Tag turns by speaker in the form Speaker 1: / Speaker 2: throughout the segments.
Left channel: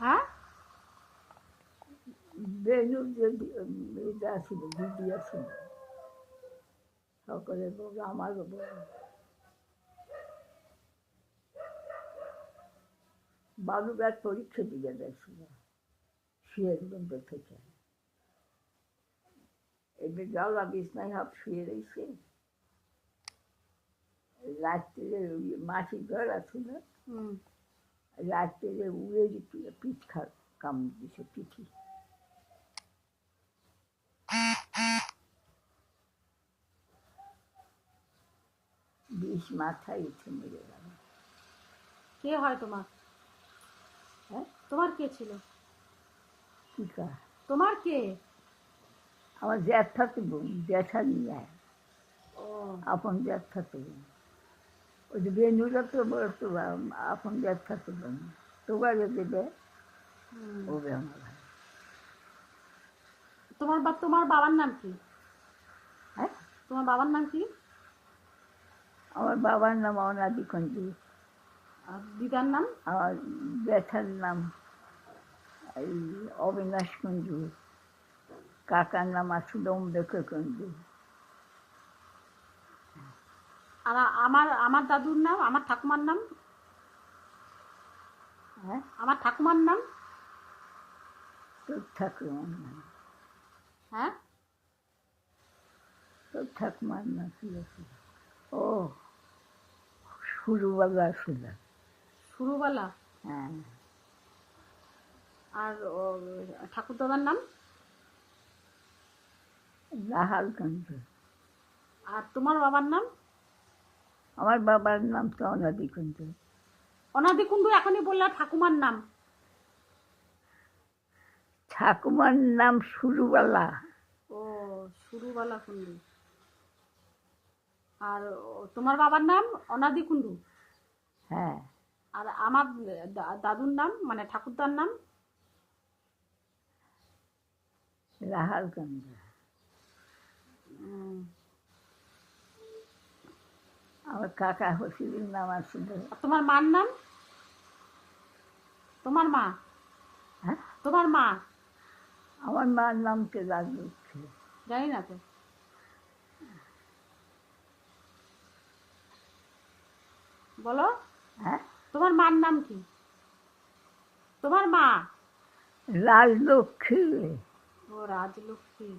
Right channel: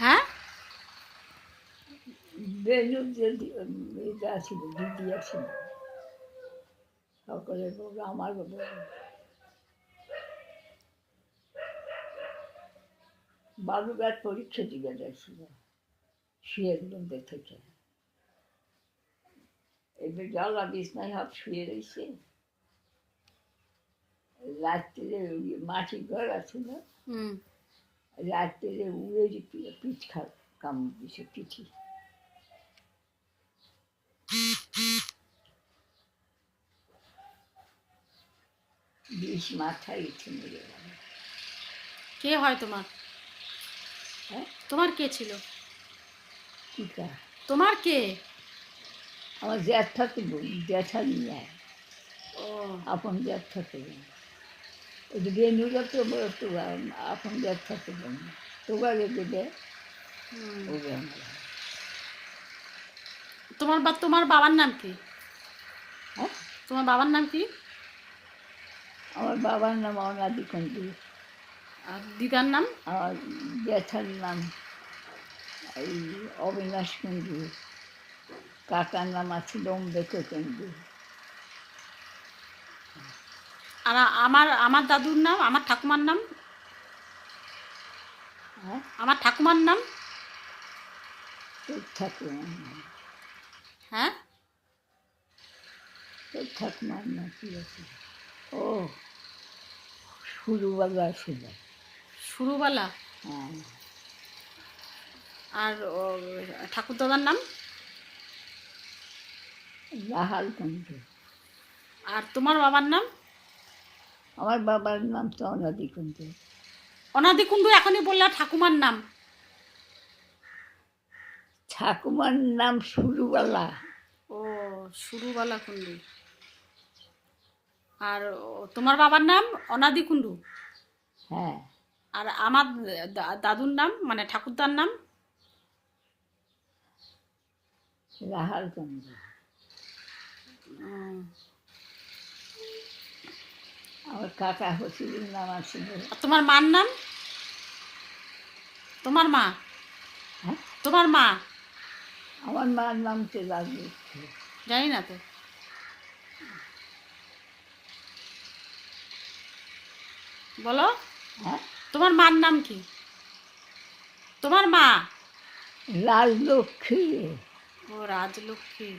Speaker 1: Ha? Balıgat polise gidersin. Şiirinden de teker. Bir daha biz ne yap şiirisin? Lattı, maçı görürsün. Hmm.
Speaker 2: হুম
Speaker 1: রাত্রে উড়ে পিঠ কামড় দিছে পিঠে মাথায়
Speaker 2: কে হয় তোমার? তোমার কে ছিল? তোমার কে?
Speaker 1: আমার জ্যাঠাকে বলি জ্যাঠা নিয়ে
Speaker 2: ও।
Speaker 1: আপন জ্যাঠাকে বলি। ওদিকে তো বড় তো আপন।
Speaker 2: তোমার বা তোমার বাবার নাম কি?
Speaker 1: হ্যাঁ?
Speaker 2: তোমার বাবার নাম কি?
Speaker 1: আমার বাবার নাম অনাদি খন্ডি
Speaker 2: আর দিদার নাম?
Speaker 1: আমার জ্যাঠার নাম অবিনাশ কুণ্ডু কাকার নাম আছে দমদেখ কুণ্ডু
Speaker 2: আর আমার আমার দাদুর নাম, আমার ঠাকুমার নাম। আমার ঠাকুমার নাম। হ্যাঁ?
Speaker 1: ঠাকুমার নাম ও
Speaker 2: সুরুবালা।
Speaker 1: হ্যাঁ
Speaker 2: আর ঠাকুর দাদার নাম? আর তোমার বাবার নাম?
Speaker 1: আমার বাবার নাম তো অনাদি কুণ্ডু
Speaker 2: অনাদি কুণ্ডু এখনই বললে ঠাকুমার নাম।
Speaker 1: ঠাকুমার নাম শুরুওয়ালা
Speaker 2: ও সুরুবালা কুণ্ডু আর তোমার বাবার নাম অনাদি কুণ্ডু
Speaker 1: হ্যাঁ।
Speaker 2: আর আমার দাদুর নাম মানে ঠাকুরদার নাম?
Speaker 1: লাহাল কুণ্ডু কাকা নাম আছে
Speaker 2: তোমার মার নাম? তোমার মা? তোমার মা?
Speaker 1: আমার মার নাম তো লাগবে
Speaker 2: জানি না তো। বলো।
Speaker 1: হ্যাঁ।
Speaker 2: তোমার মার নাম কি? তোমার মা?
Speaker 1: রাজলক্ষ্মী।
Speaker 2: ও রাজলক্ষ্মী।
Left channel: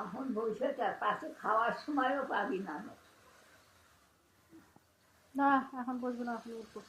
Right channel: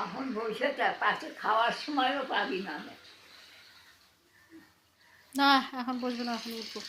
Speaker 1: এখন বসে তা পাশে খাওয়ার সময়ও পাবি না।
Speaker 2: না এখন বসবো না এখন উঠবো।